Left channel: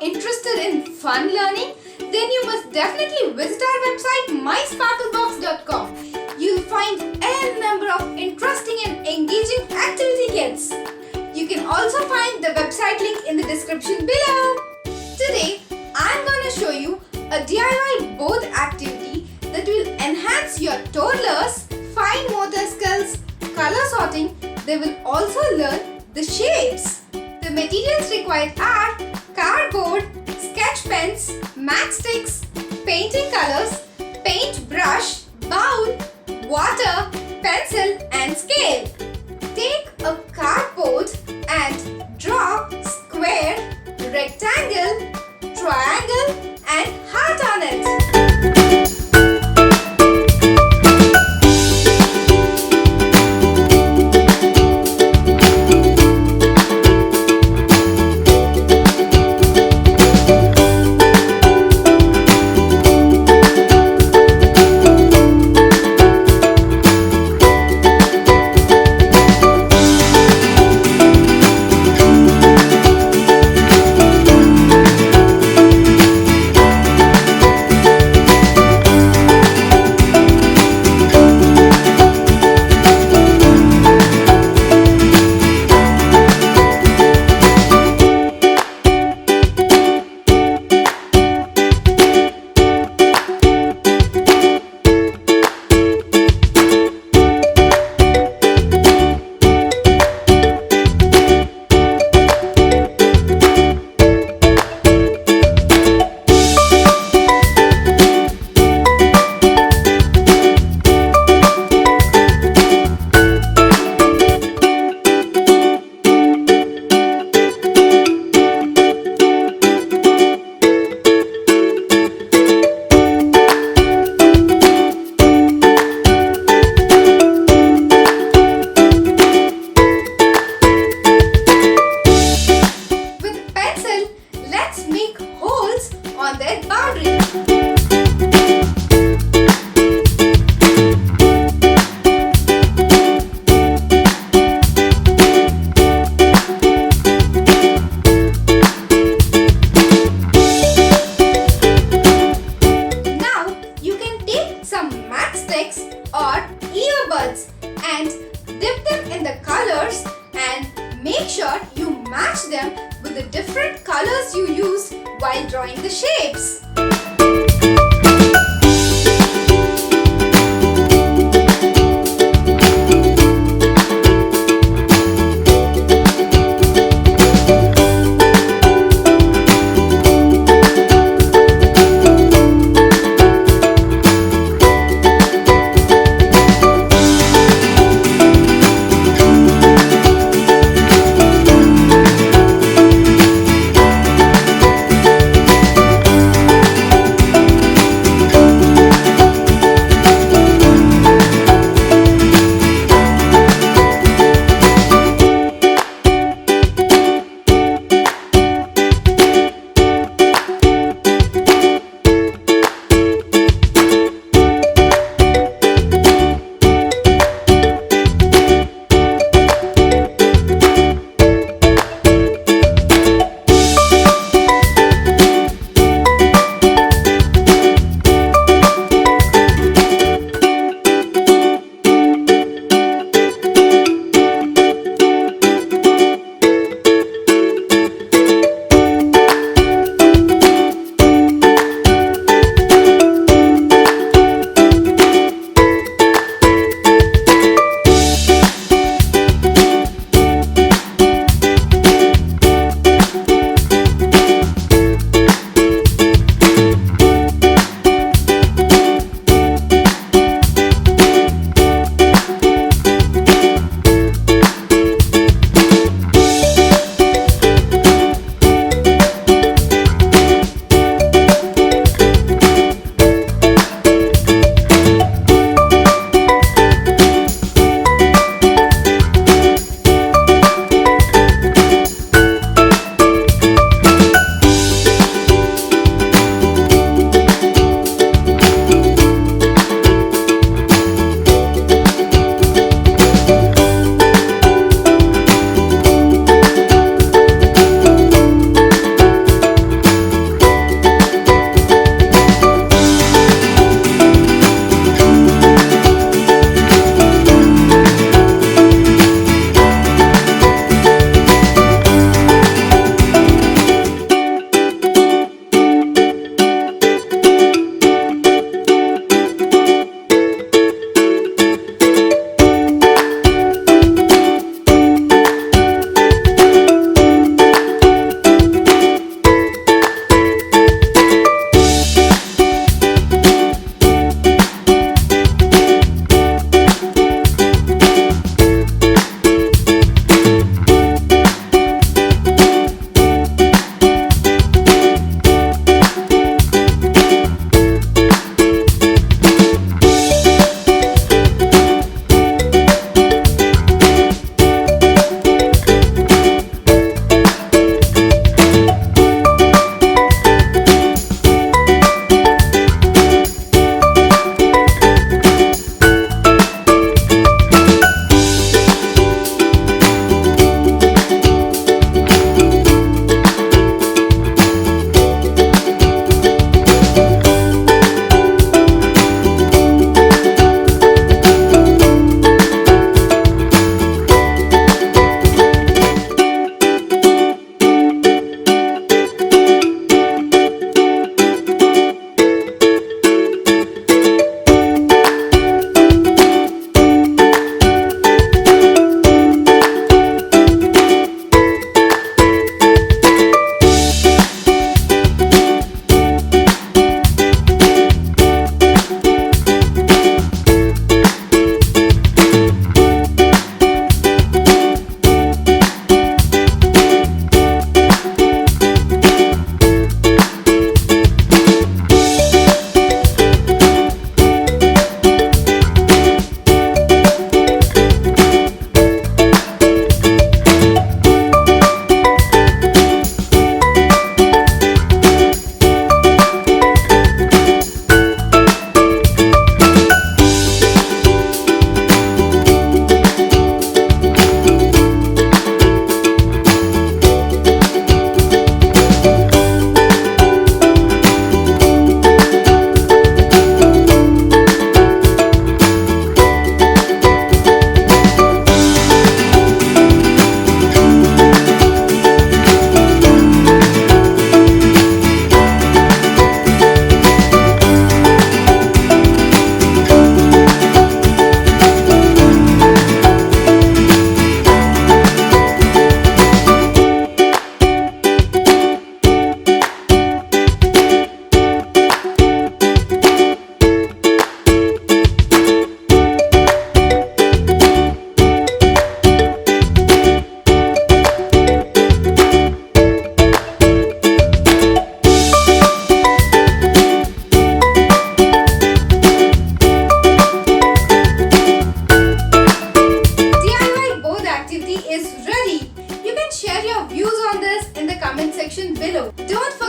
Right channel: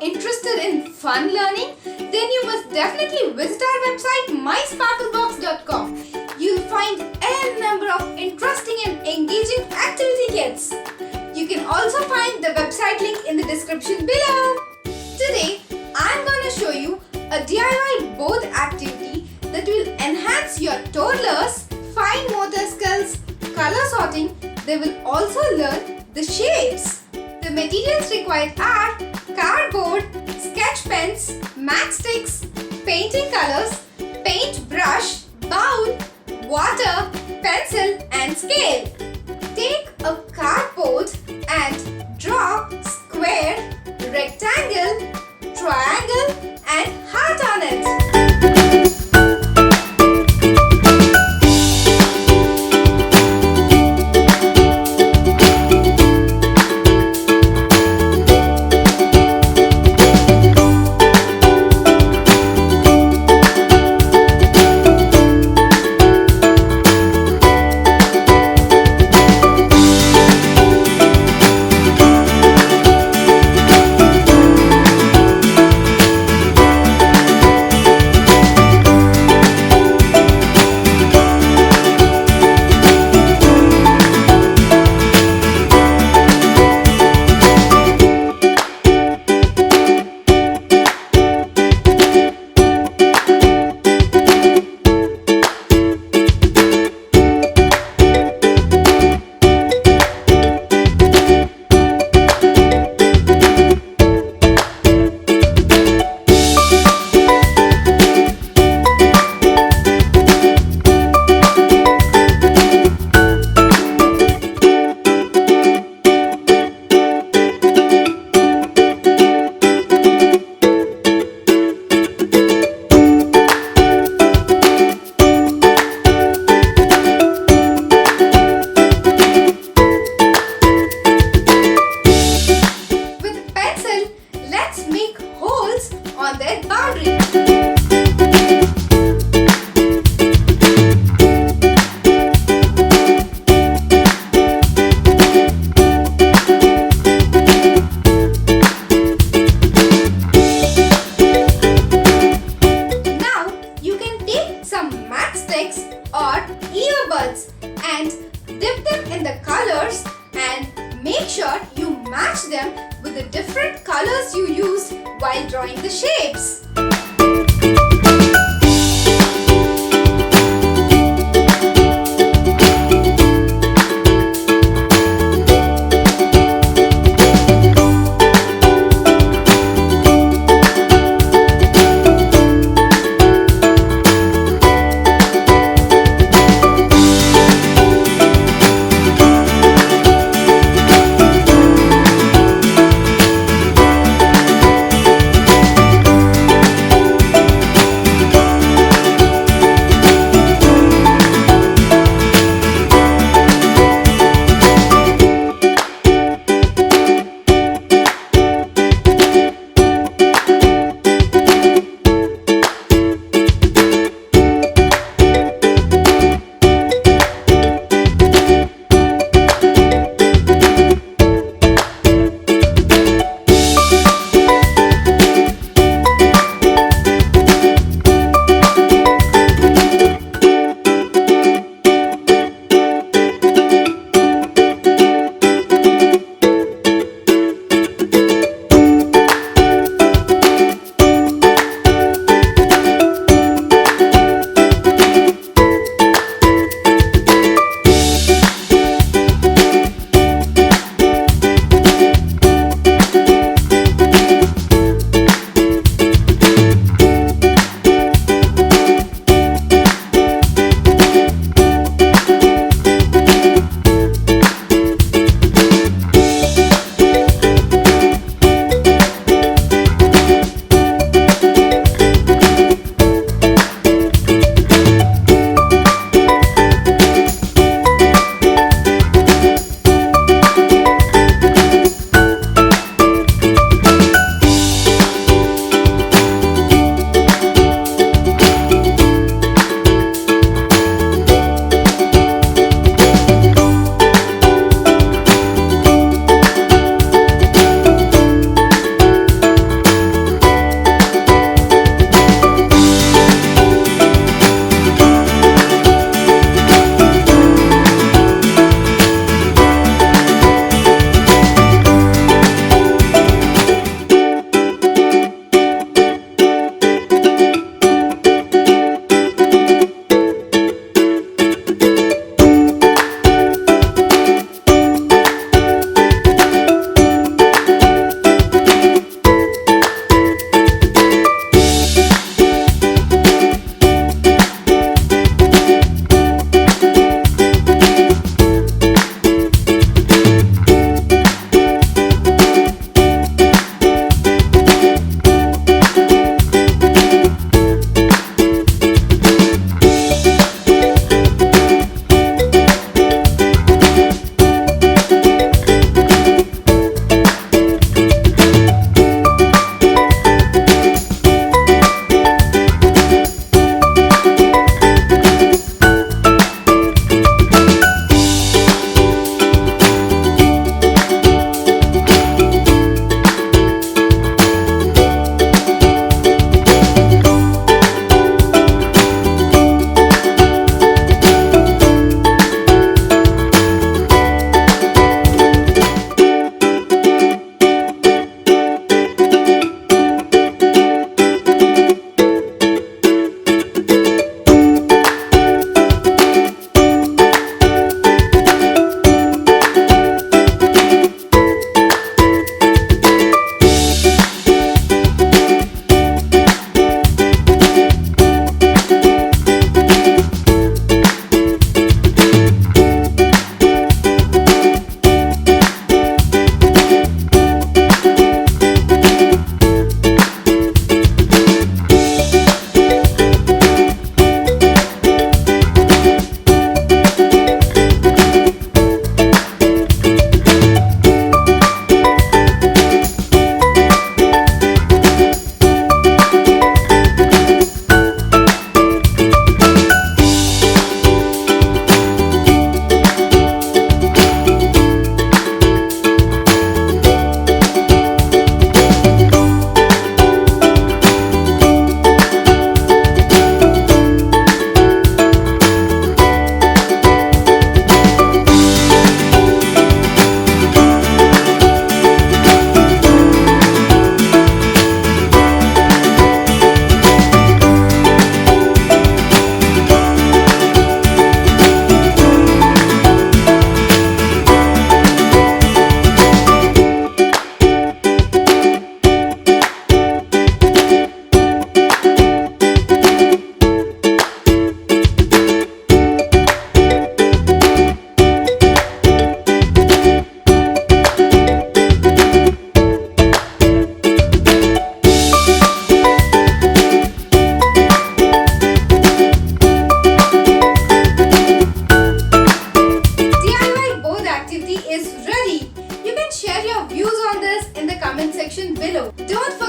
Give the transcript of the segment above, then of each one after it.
interested in fun learning, then you must definitely visit our website mysparklebox.com. You'll find a number of interesting and engaging activity kits. You can also find the website link in the description below. Today, I'm going to show you a DIY board activity that will enhance your toddlers' fine motor skills, color sorting. They will also learn the shapes. The materials required are cardboard, sketch pens, matchsticks, painting colors, paint brush, bowl, water, pencil and scale. Take a cardboard and draw square, rectangle, triangle and heart on it. On their boundary. Now you can take some matchsticks or earbuds and dip them in the colors and make sure you match them with the different colors you use while drawing the shapes.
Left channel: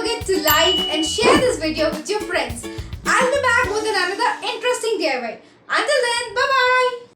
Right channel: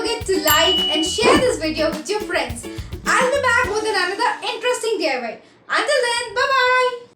forget to like and share this video with your friends. I'll be back with another interesting DIY. Until then, bye-bye.